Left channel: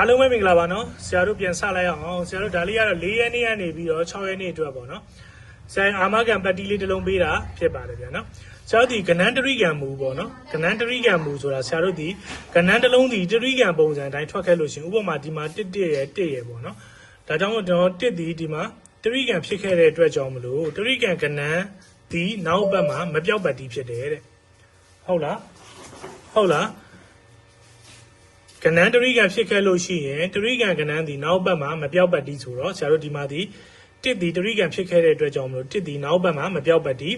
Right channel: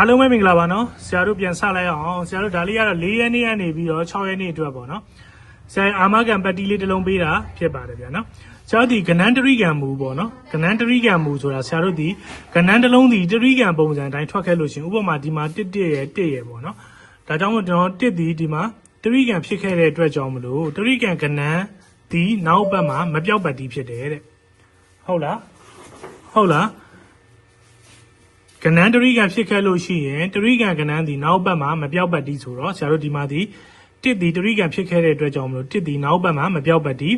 အားလုံးပဲမင်္ဂလာပါနော်ဆရာတို့ပြန်စလိုက်အောင်ဆရာတို့ဒါလေးကတော့၄ရက်နေ့ကနေပြီးတော့6ရက်နေ့အတွက်ပေါ့နော်ဆရာအာမခံပတ်တီးလေးတစ်လုံးပေးတာဖြစ်ပါတယ်ဗျာနော်ဆရာတို့ဒီကနန်းတရိကံမူပေါ့နော်ကနန်းတရိကံမူဆိုတာဆရာတို့ဒီကနန်းတစ်လုံးဒီတရိကံပုံစံအတိုင်းထွက်ခဲ့လို့ရှိရင်ဥပမာဒီမှာတစ်တစ်ရဲ့တစ်ရဲ့ပေါ့နော်ဒါကြောင့်မို့ကျွန်တော်တစ်ဒီဒီမှာတရိကံဖြစ်ခဲ့တဲ့အတွက်ကြောင့်မလို့တရိကံကနန်းဒီနောက်ဘက်မှာမပြောက်ပတ်တီးဖြစ်တယ်တဲ့ဟုတ်လားဟုတ်လား ကဏ္ဍတရိကဖြစ်ခဲ့လို့ရှိရင်တရိကံကဏ္ဍဒီနောက်ဘက်မှာမပြောက်ပတ်တီးဆိုတော့ဆရာတို့ဒီမှာဒီတစ်ဒီတရိကံဖြစ်ခဲ့တဲ့အတွက်ကြောင့်မလို့တစ်ဒီနောက်ဘက်မှာမပြောက်ပတ်တီး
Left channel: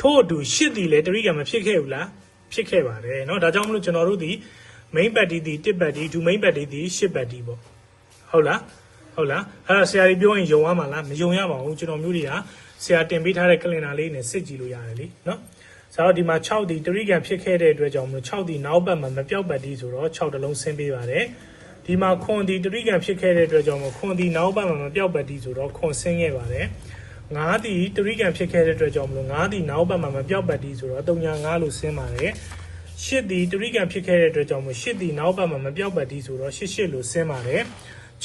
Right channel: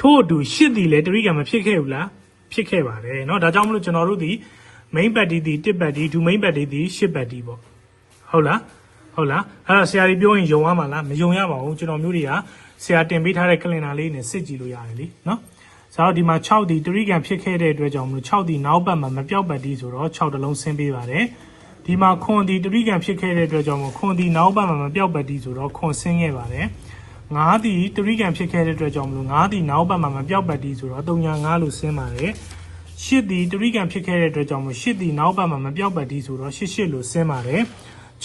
ထို့အတူရှစ်ဒီလည်းတရိကံမဖြစ်ခဲ့ဘူးလားဖြစ်ခဲ့ပါတယ်เนาะဒါကြောင့်မလို့ကျွန်တော်တို့ဒီ main ပတ်တီးဒီတစ်ပတ်တီးဒူ main ပတ်တီးဒီရှစ်ပတ်တီးပေါ့ဟုတ်လားဟုတ်လားအဲ့ဒါဆရာကြီးပြောရင်ယုံရမှာလားမယုံရပါဘူးကျွန်တော်မျိုးတွေကဆရာတင်ပေးထားတဲ့ကလင်နာလေးနဲ့စစ်ကြည့်လို့ရတယ်လေเนาะ ဆိုတော့ဒီမှာ6ဒီတရိကံဖြစ်ခဲ့တဲ့အတွက်ကြောင့်မလို့6ဒီနောက်ဘက်မှာမပြောက်ပတ်တီးဆိုတော့6တလုံးဆင်းပေးပါတယ်ဒီမှာခွန်ဒီတရိကံဖြစ်ခဲ့တဲ့အတွက်ကြောင့်မလို့ခွန်ဒီနောက်ဘက်မှာမပြောက်ပတ်တီးဆိုတော့ခွန်ဆင်းခဲ့ပါတယ်9ဒီတရိကံဖြစ်ခဲ့တဲ့အတွက်ကြောင့်မလို့9ဒီနောက်ဘက်မှာမပြောက်ပတ်တီးဆိုတော့395လို့ဆင်းပါတယ်8ဒီတရိကံဖြစ်ခဲ့တဲ့အတွက်ကြောင့်မလို့8ဒီနောက်ဘက်မှာမပြောက်ပတ်တီးဆိုတော့88လို့ဆင်းပါတယ်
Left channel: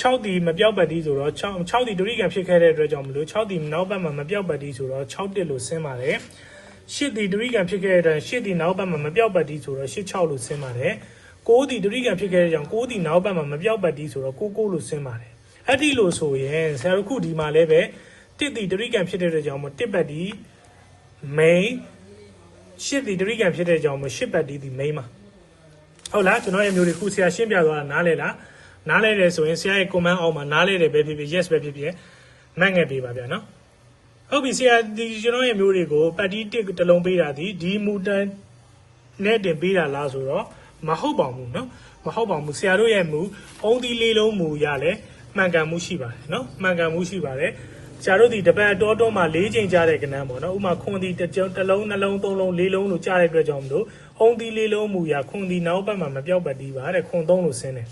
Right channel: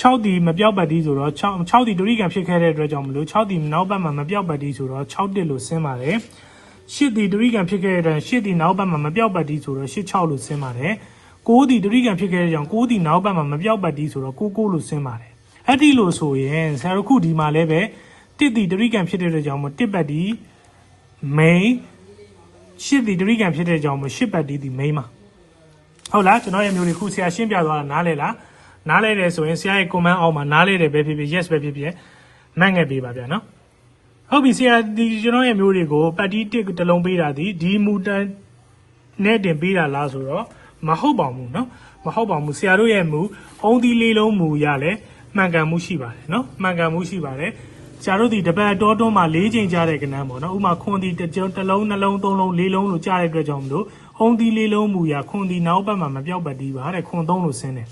6ဒီမပြောက်ပတ်တီးဆိုတော့6 6ဒီတရိကံဖြစ်ခဲ့တဲ့အတွက်ကြောင့်မလို့6ဒီနောက်ဘက်မှာမပြောက်ပတ်တီးဆိုတော့6တစ်လို့ဆင်းပါတယ် ရှစ်ဒီတရိကံဖြစ်ခဲ့တဲ့အတွက်ရှစ်ဒီနောက်ဘက်မှာမပြောက်ပတ်တီးဆိုတော့ရှစ်6လို့ဆင်းပါတယ်။ကိုးဒီတရိကံဖြစ်ခဲ့တဲ့ကြောင့်ကိုးဒီနောက်ဘက်မှာမပြောက်ပတ်တီးဆိုတော့ကိုးကိုးလို့ဆင်းပါတယ်။အဲ့ဒီလို့ဆိုရင်ဆရာတို့ခုဒီမှာလည်းပဲတစ်ဒီတရိကံဖြစ်တဲ့အတွက်ကြောင့်မတစ်ပတ်တီး main ရှစ်ဒီတရိကံဖြစ်တဲ့ကြောင့်မရှစ်ပတ်တီးဒီ main မှာဟုတ်လားကျွန်တော်ရဲ့မျိုးတွေခုဆရာရှင်းပြသွားတာနားလဲလားနားလဲတယ်ဆိုရင်ဆရာရဲ့ comment အောက်မှာနားလဲတယ်ပဲဖြစ်ဖြစ် yes ပဲဖြစ်ဖြစ်နိုင်ငယ်ပေးပါဗျာနော် ဟုတ်ပြီဆရာဒီကျွန်တော်ရဲ့မျိုးတွေကိုပတ်တီးတစ်တစ်လုံးပေးတာဒီဒီမူတန်နဲ့တင်ပေးတာလားဆိုတော့မဟုတ်ပါဘူးเนาะမဟုတ်ပါဘူးဆရာတို့ရဲ့မူအုံးသီးလေးလုံးမူရလဲမှန်ကန်မှုရှိပါတယ်เนาะမှန်ကန်မှုရှိပါတယ်ဆရာတို့ဒီတပတ်တော်တွန်းမှာ၄ချိန်ကြားတဲ့ကဏ္ဍပေါ့နော်ဥမာခွန်ဒီတစ်ကြုံတစ်လုံးနှလုံးသုံးလုံးလေးလုံးလို့ကြားတဲ့အတွက်ကြောင့်မလို့အုံးသီးလေးလုံးမူရခွန်ဒီနောက်ဘက်မှာမပြောက်ပတ်တီးပါတဲ့ခွန်သုံးလို့ဆင်းတယ်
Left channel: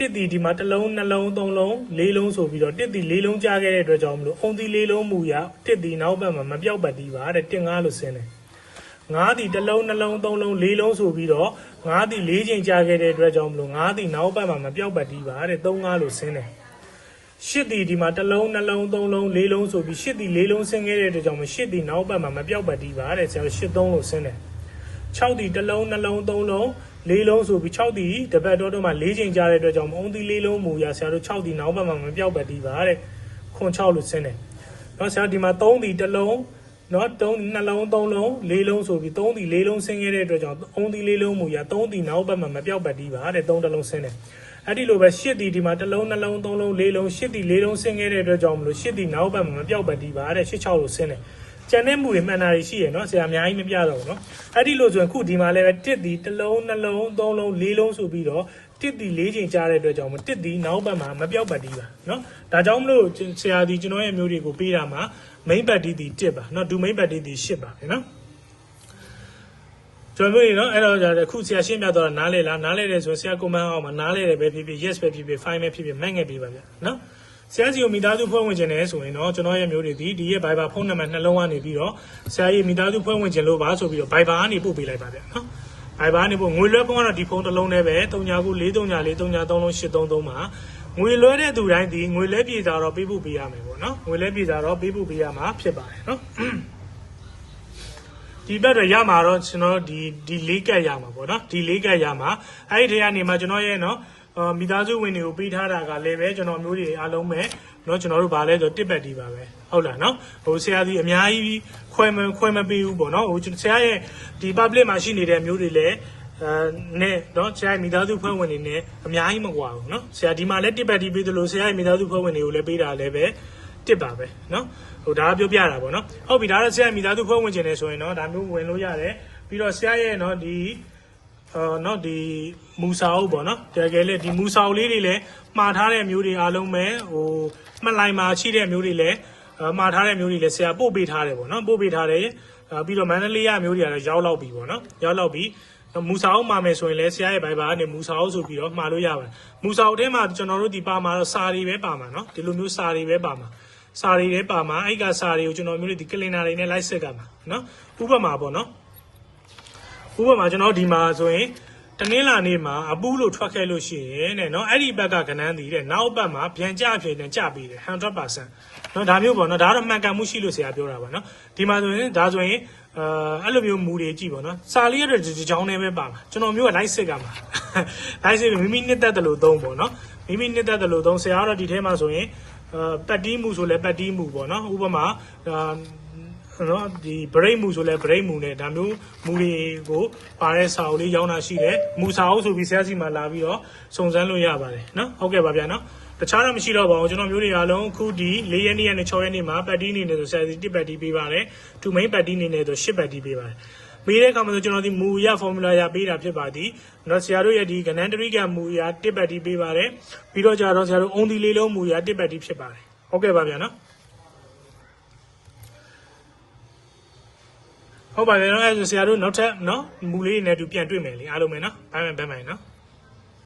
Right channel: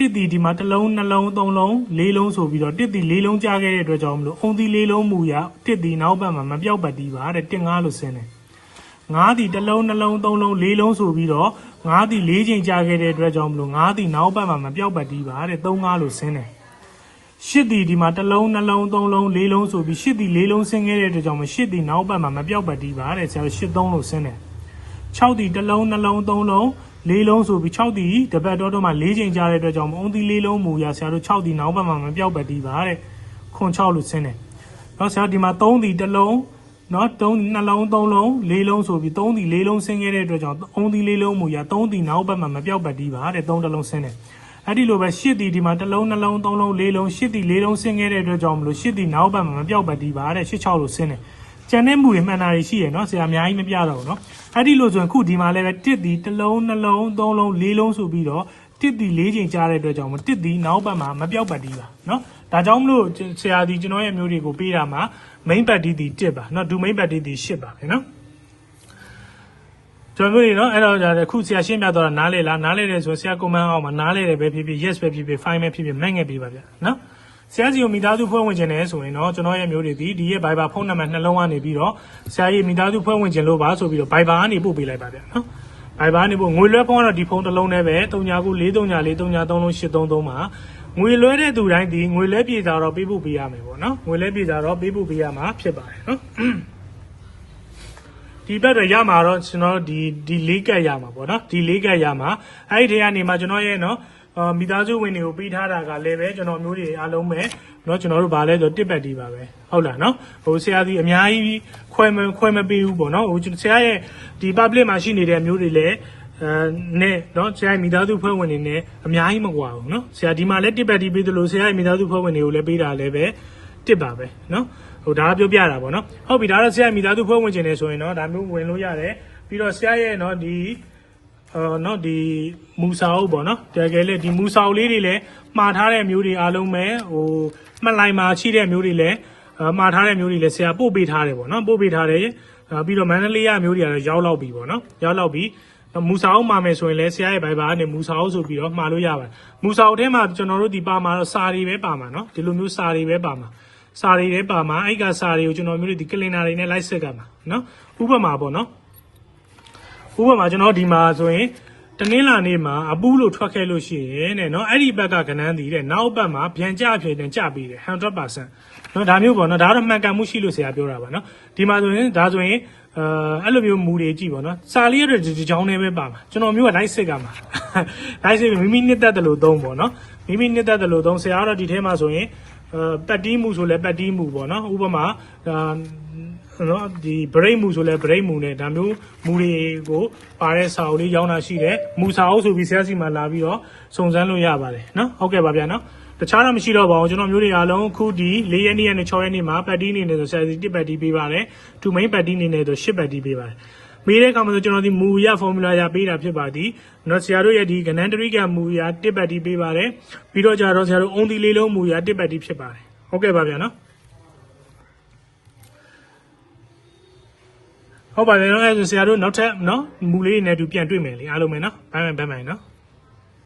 တစ်တီဒီမှာတစ်လုံးနှလုံးသုံးလုံးလေးလုံးဆိုပြီးတော့တစ်တီလေးလုံးကြားခဲ့တဲ့အတွက်ကြောင့်မလို့အုံတီလေးလုံးမူရတစ်တီနောက်ဘက်မှာမပြောက်ပတ်တီးပါတဲ့တစ်ငါးလို့ဆင်းတယ်ငါးတီတစ်လုံးနှလုံးသုံးလုံးလေးလုံးဆိုပြီးတော့ငါးတီလေးချိန်ကြားခဲ့တဲ့အတွက်ကြောင့်မလို့ငါးတီနောက်ဘက်မှာမပြောက်ပတ်တီးပါတဲ့သုံးငါးလို့ဆင်းတယ်ရှစ်တီဒီမှာတစ်လုံးနှလုံးသုံးလုံးလေးလုံးဆိုပြီးရှစ်တီလေးလုံးဆင်းခဲ့တဲ့အတွက်ကြောင့်မရှစ်တီနောက်ဘက်မှာမပြောက်ပတ်တီးပါတဲ့ဆရာရှစ်သုံးလို့ဆင်းတယ်6တီတစ်လုံးနှလုံးသုံးလုံး လေးလုံးဆိုပြီး6တီတပတ်တော့တော့မှ၄ချိန်ကြားတဲ့အတွက်ကြောင့်အုံးတီလေးလုံးမူရဆရာတို့6တီနောက်ဘက်မှာမပြောက်ပတ်တီးပါတဲ့ခွန်6လို့ဆင်းတယ်။နော်ဆရာဒီမှာ3တီတစ်လုံးနော်3နှလုံး3လုံးလေးလုံးဆိုပြီး3တီလေးလုံးဆင်းခဲ့တဲ့အတွက်ကြောင့်အုံးတီလေးလုံးမူရ3တီနောက်ဘက်မှာမပြောက်ပတ်တီးပါတဲ့3တစ်လုံးဆင်းတယ်။အဲ့ဒီလိုပဲ8တီဒီမှာတစ်လုံးနှလုံး3လုံးလေးလုံး8တီလေးလုံးဆင်းခဲ့တဲ့အတွက်ကြောင့်မလို့8တီနောက်ဘက်မှာမပြောက်ပတ်တီးပါတဲ့8 6လို့ဆင်းတယ်။ ကျန်တဲ့မူတွေမှန်တာတွေရှိရယ်နော်ဆရာအများကြီးမပြတော့ဘူးနော်အဲ့ဒီလို့ဆိုရင်ခုဒီမှာလည်းပဲတစ်ဒီတစ်လုံးနှလုံးသုံးလုံးလေးလုံးဆိုပြီးတော့တစ်ဒီလေးချိန်ကြားတဲ့အတွက်ကြောင့်မတစ်ဒီနောက်ဘက်မှာမပြောက်ပတ်တီးပါနော်ဒါကြောင့်မလို့ဆရာဒီကျွန်တော်ရဲ့မျိုးတွေကိုပေးတာမှာ main ပတ်တီးဒီတစ်ပါနော်ဒူ main ပတ်တီးဒီရှစ်ပါပဲနော်ကျွန်တော်တို့နော်အဲ့တော့အခုဆရာရှင်းပြတော့နားလေလားနားလေတယ်ဆိုဆရာ comment အောက်မှာနားလေတယ်ပဲဖြစ်ဖြစ် yes ပဲဖြစ်ဖြစ် fine ပဲဖြစ်ဖြစ်နိုင်ငယ်ပေးပါလေနော် ဆရာစီကိုမိသားစုဖွဲ့ဝင်ခြင်းနဲ့ဆိုရင်တော့ကျွန်တော်ရဲ့မျိုးတွေဒီဒီရဲ့ Viber ဖုန်းနံပါတ်နှလုံးကနေပြီးတော့ဆရာရဲ့မိသားစုဖွဲ့ဝင်ခြင်းလို့ပါဆိုပြီးတော့ Viber ကနေပို့ပေးလိုက်ပါပဲနော် Viber ကနေပို့ငွေလွှဲဖုန်းကတော့ဒီဖုန်းတစ်လုံးနဲ့ပဲ3993433833မှာငွေလွှဲတဲ့သူတိုင်းဒီငွေလွှဲပြေစာတော့ပေးဖို့ပေးရမှာပေါ့နော်ငွေလွှဲပြေစာတော့ပေးဖို့ပေးရမှာဖြစ်ပါတယ်နော်ဒီဘက်တော့ရမှာတော့ကျွန်တော်ဒီဒီလေးကတ်ရမှာပေါ့နော်ဒီလေးကတ်ရမှာအဲ့ဒီထဲကနေမှကျွန်တော်ရဲ့နော်အာ မိသားစုဝင်တွေကိုပေးထားတာကလည်းပဲကျွန်တော်မျိုးတွေအားလုံးပဲเนาะကျွန်တော်တို့ဗာလဲဆိုတစ်ပတ်တီးပါပဲဟုတ်လားเนาะဟိုဆရာကြီးအများကြီးခွဲမခွဲမပေးဘူးပေါ့เนาะဟိုဆရာရဲ့ဒီ public မှာရှိနေတဲ့မျိုးတွေလည်းအဲနဲ့เนาะဆရာရဲ့မိသားစုဖွဲ့ဝင်တွေနဲ့အများကြီးမကွာဘူးเนาะဆရာဒီမှာလည်းတစ်ပတ်တီးပေးသလိုဆရာရဲ့မိသားစုဖွဲ့ဝင်တွေကိုလည်းပေးတာလည်းပဲတစ်ပါပဲเนาะဟိုဒါကပြောပြတာပေါ့เนาะဟုတ်ပြီဒါတော့ဆရာရဲ့မိသားစုဖွဲ့ဝင်ခြင်းနေဆိုရင်เนาะဒါမျိုးဝင်လို့ရတယ်ပြီးတော့ဆရာရဲ့เนาะဒီ အော်နော်ဒီမူစာအုပ်ပေါ့နော်တကယ်လေဒီမူစာအုပ်လေးတွေလည်းမှားထားတဲ့မျိုးတွေအားလုံးပဲဟိုမှတ်လိုက်မှာရှိတဲ့မျိုးတွေလည်းအာမှားထားတဲ့မျိုးတွေလည်းဆရာပို့ပေးထားတယ်ပေါ့နော်ပို့ပေးထားတယ်အာပြီးတော့မန္တလေးရမျိုးတွေကတော့ရောက်လောက်ပြီပေါ့နော်ရောက်လောက်ပြီမူစာအုပ်မှာမယ်ဆိုရင်လည်းဆရာရဲ့ဘိုင်ဘာကနေမူစာအုပ်ဆိုပြီးတော့မှားလို့ရပါတယ်မူစာအုပ်ထဲမှာကျွန်တော်တို့ဒီပါမှာတော့စာတွေပဲပါမှာနော်ဒီလိုမျိုးစာတွေပဲပါမှာစာတွေလည်းပါမှာအဲ့ကစာတွေကိုကျွန်တော်မျိုးဒီကလင်နာတွေနဲ့လိုက်စစ်ကြမှာနော်ဥပမာပေါ့နော် ဥပမာကျွန်တော်ဒီမှာဆိုရင်တနင်္လာနေ့မှာအပူးလို့ထွက်ခဲ့လို့ရှိရင်တဲ့နော်အဲ့ဒီဘက်ကကဏန်းတည်တဲ့နောက်ဘက်မှာပြန်ကြအဖြစ်နဲ့ကြပေးတယ်100%နော်ဒါမျိုးပေါ့နော်ဒါကတော့မှန်ကန်မှုရှိလို့ဆရာပြောတာပဲနော်ဒီမှာဆိုရင်ဒါဆိုရင်အဲအဲ့လိုမျိုးမူတွေကြည့်ပေါ့နော်စာလေးရတဲ့ဒီကြောင်းလေးပဲပါမှာကျွန်တော်မျိုးကလိုက်စစ်ကမှာလိုက်စစ်မိမိနှစ်သက်တယ်လို့သုံးပေါ့နော်မိမိနှစ်သက်တယ်လို့သုံးဆရာကတော့ဒီထဲမှာဆိုရင်အဲပတ်တီးမှုဆိုလဲပတ်တီးမှုပေါ့နော်ဥပမာအာ နော်ဒီ break မူဆိုလဲ break မူနဲ့ဒါမျိုးမူတွေကိုပါရဲစာအုပ်လေးရောင်းတာရှိတယ်မူစာအုပ်ဆိုပြီးဆရာစီမှာလာပြီးတော့စုံစမ်းလို့ရပါတယ်နော်ဟုတ်ကဲ့ပါဗျာနော်တခြားတော့မရှိတော့ပါဘူးကျွန်တော်မျိုးတွေအားလုံးအခုဒီ၄ရက်နေ့နဲ့6ရက်နေ့မှာပတ်တီးနေနေဆိုဆရာစီတစ်ပတ်တီးပေးပါတယ်သူမိန်ပတ်တီးနေနေဆို10ပတ်တီးပေးပါတယ်ပေးတဲ့ကောင်မှာဆိုကျွန်တော်ဒီမူရ formula ရပေးတာဖြစ်ပါသည်နော်ဆရာတို့ရဲ့ဒီကနန်တရိကမူရတစ်ပတ်တီးပေးပါတယ်ပြီးတော့ကြတော့ဆရာတို့ only လေးလုံးမူရတစ်ပတ်တီးဖြစ်ပါတယ်ဟုတ်ကဲ့ပါဗျာနော် ဟုတ်ပါတယ်နော်အဲဆိုဆရာတို့နောက်ထပ်နော်မူလေးတွေနဲ့အတူပြန်တွေ့မယ်လေအားလုံးပဲနော်ဘိုင်ဘိုင်ဘိုင်နော်